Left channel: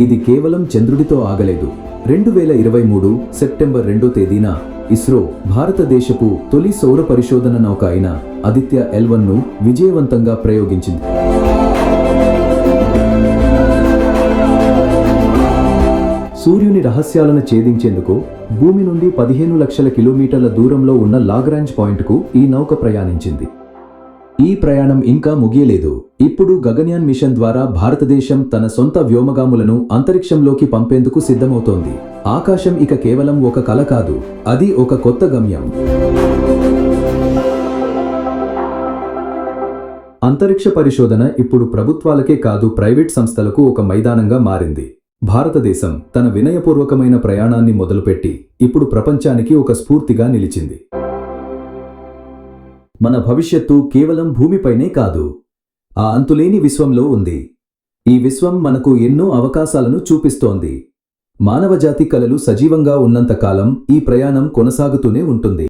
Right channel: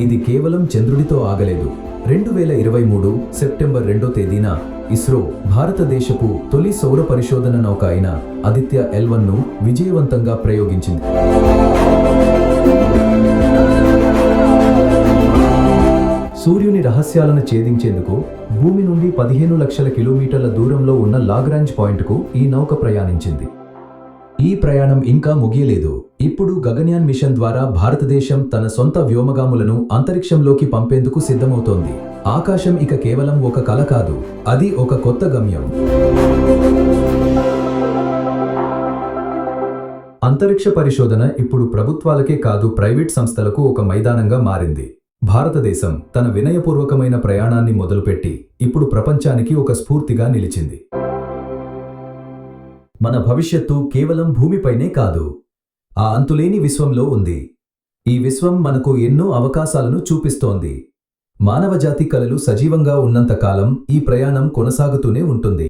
ఇది కేవలం చంద్రుడితో ఆగలేదు. రెండు వేల ఇరవై మూడు సెప్టెంబర్ రెండో తేదీన ఇస్రో భారతదేశపు తొలి సౌర పరిశోధన నౌక అయిన ఆదిత్య ఎల్ విజయవంతంగా ప్రయోగించింది. సూర్యుని రహస్యాలను ఛేదించేందుకు భూమి నుండి పదిహేను లక్షల కిలోమీటర్ల దూరంలో ఉన్న లాగ్రాంజ్ పాయింట్కు ఈ నౌక ప్రయాణించింది. ఈ ప్రయాణం ఇంకా ముగియలేదు. ఇప్పుడు గగన్యాన్ మిషన్ ద్వారా భారతదేశం తన సొంత వ్యోమగాములను అంతరిక్షంలోకి పంపేందుకు సిద్ధమవుతోంది. ఆకాశం ఇక కేవలం ఒక కల కాదు అది ఒక కొత్త గమ్యం. అంతరిక్ష పరిశోధన ఇప్పుడు ప్రభుత్వాలకే కాదు ప్రైవేట్ సంస్థలకు ఒక మైదానంగా మారింది. భారతదేశం తన వినయపూర్వకమైన ప్రయాణాన్ని మొదలుపెట్టి ఇప్పుడు ప్రపంచానికి ఒక స్ఫూర్తిగా నిలిచింది. మన భవిష్యత్తు కేవలం భూమిపైనే కాదు. ఆ అంతులేని విశ్వంలో ఉంది. ఈ విశ్వం మనకు ఎన్నో అవకాశాలను చూపిస్తోంది. మానవజాతి కలలు సజీవంగా ఉన్నంతకాలం ఈ ప్రయాణం కొనసాగుతూనే ఉంటుంది.